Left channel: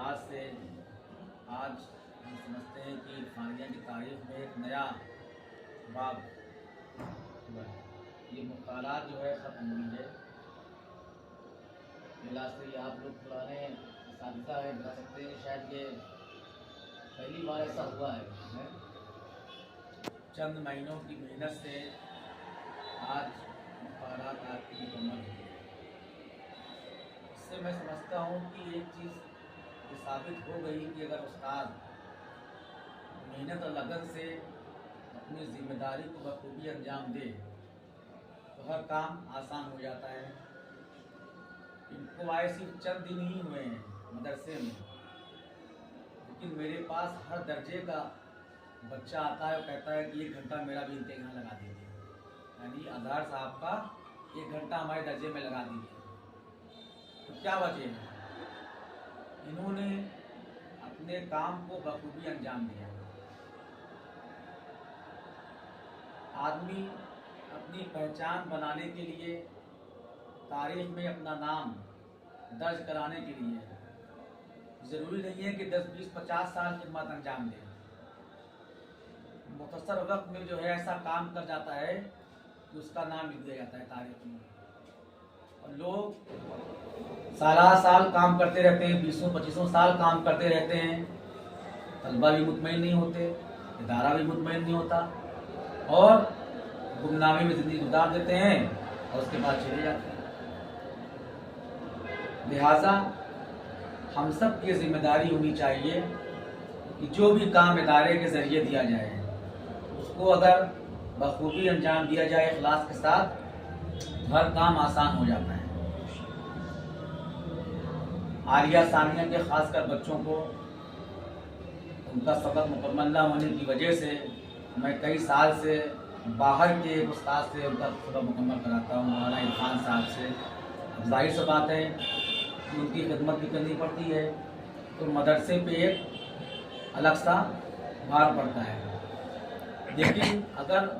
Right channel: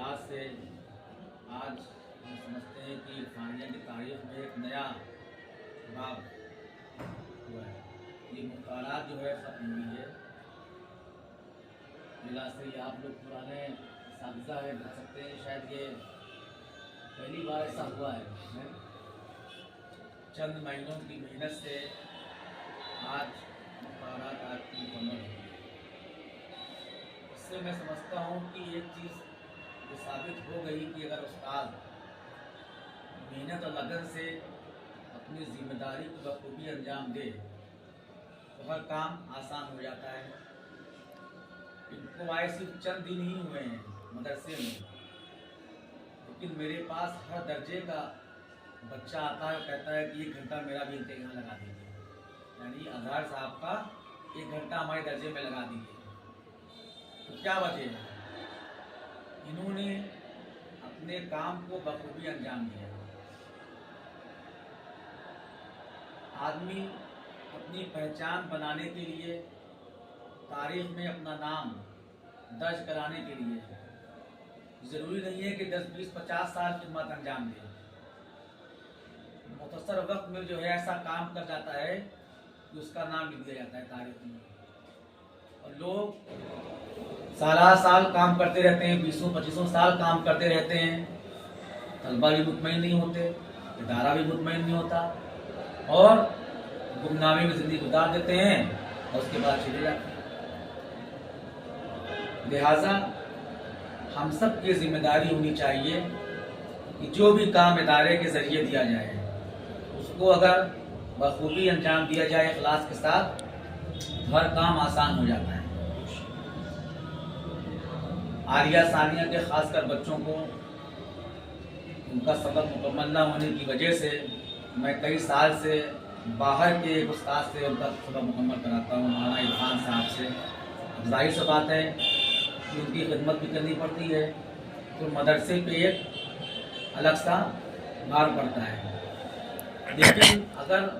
आज से आज हम समझते हैं कि इरफानिया की तारीख में एक नया बाब हुआ है। ये मुख्तारात जो है ख़त्म हुई है। लिहाज से ये आप लोग पुराने साजिशा है बता सकते हैं, शायद ये पहली बार ऐसा हुआ है। चंद महीनों की मेहनत से आज मुख्तारात आपकी मुकम्मल हुई। इससे मैं समझता हूँ कि एक चीज़ ये साबित हो गई कि अगर उस्ताद मेहनत और लगन से अपनी जिम्मेदारी को बखूबी अंजाम दे तो हर काम आसान हो जाता है। इनको आए सिर्फ चंद दिन ही हुए हैं मदरसे में, लेकिन मेरे पास हर दर्जे का बच्चा आता है और कहता है कि 1 घंटा मेरा भी इम्तिहान लगा दीजिए, यानी अजहर साहब का 1 घंटा हमारे दर्जे में लगा दीजिए। तो क्या वजह है? इन्होंने अपने काम को बखूबी अंजाम दिया। आदमी अपनी पहचान बनाने के लिए, तारीख में अपना नाम दर्ज कराने के लिए ज़रूरी नहीं है कि 10, 20, 50 साल खिदमत अंजाम दे। मुख्तसर वक्त में जो है ऐसा काम कर जाता है कि उसका नाम लिख दिया जाता है तारीख में। और लोग साल काम करते रहते हैं, 20-25 साल काम करते रहते हैं, तलबा भी मुतमईन नहीं होते, इदारा भी मुतमईन नहीं होता और गुमनामी में ज़िंदगी गुजार देते हैं और उसके बाद चले जाते हैं। लिहाजा हम सब की जिम्मेदारी होनी चाहिए कि जो भी काम इदारे के ज़रिए दिया जाए उसको अगर बखूबी अंजाम दिया जाए इखलास के साथ, हर काम आसान हो जाता है। आलिया सानिया के खासकर बच्चों को उनका सबक मुकम्मल न होने की वजह से मैं कई साल से बाहर के एक उस्ताद से उनका सबक मुकम्मल कराता हूँ, मौलाना इरफान साहब से। अब जाहिर सी बात है कि उनकी खिदमत भी करनी पड़ती है, तो मदरसे पे एक अलग सा भार पड़ता है। लेकिन अगर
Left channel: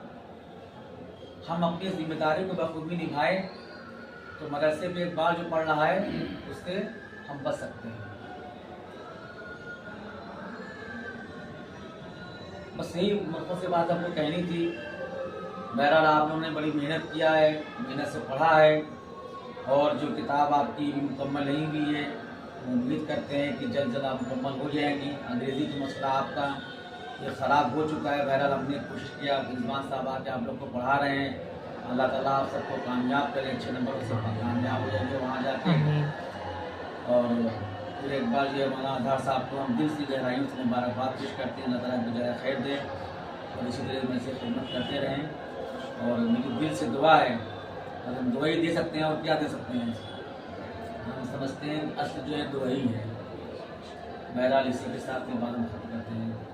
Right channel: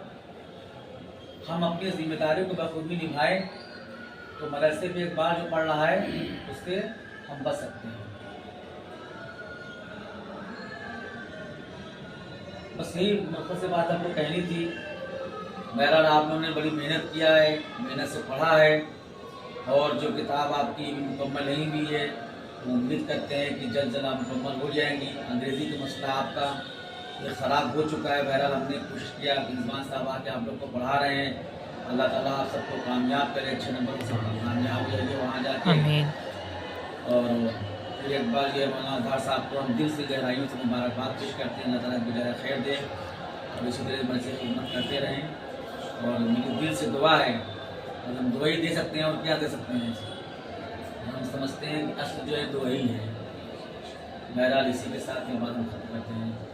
हम अपनी जिम्मेदारी को बखूबी निभाएं तो मदरसे पे एक बार जो पड़ रहा है उससे हम बच सकते हैं। बस यही मकसद से बात आपको कहनी थी। बहरहाल आप लोगों ने बड़ी मेहनत किया है, मेहनत से पढ़ा है और जो किताब आपकी भी मुकम्मल नहीं हुई है वो उम्मीद करते हैं कि जल्द जल्द आप मुकम्मल हो जाएंगी। अंग्रेज़ी का मसला आपका ये ख़राब हो चुका है। बहरहाल हमने कोशिश किया, रिजवान साहब आके आप लोग को पढ़ा रहे हैं। अल्लाह ताला आप सबको कामयाब करे, अच्छे नंबरों से कामयाब हो जाइए वहाँ जाके। और फिर एक बार ये मौलाना अजहर साहब को हम दिल से गहराइयों से मुबारकबाद पेश करते हैं। अल्लाह ताला गुज़ारा खैर दे और इसी तरह मेरे से खिदमत करते रहें। और मेरी दिल से दुआ है और हम दुआ ही दे सकते हैं और क्या दे सकते हैं। हम समझते हैं कि असल जो है दुआ ही है। बहरहाल इसी के साथ ये बात हम खत्म करते हैं।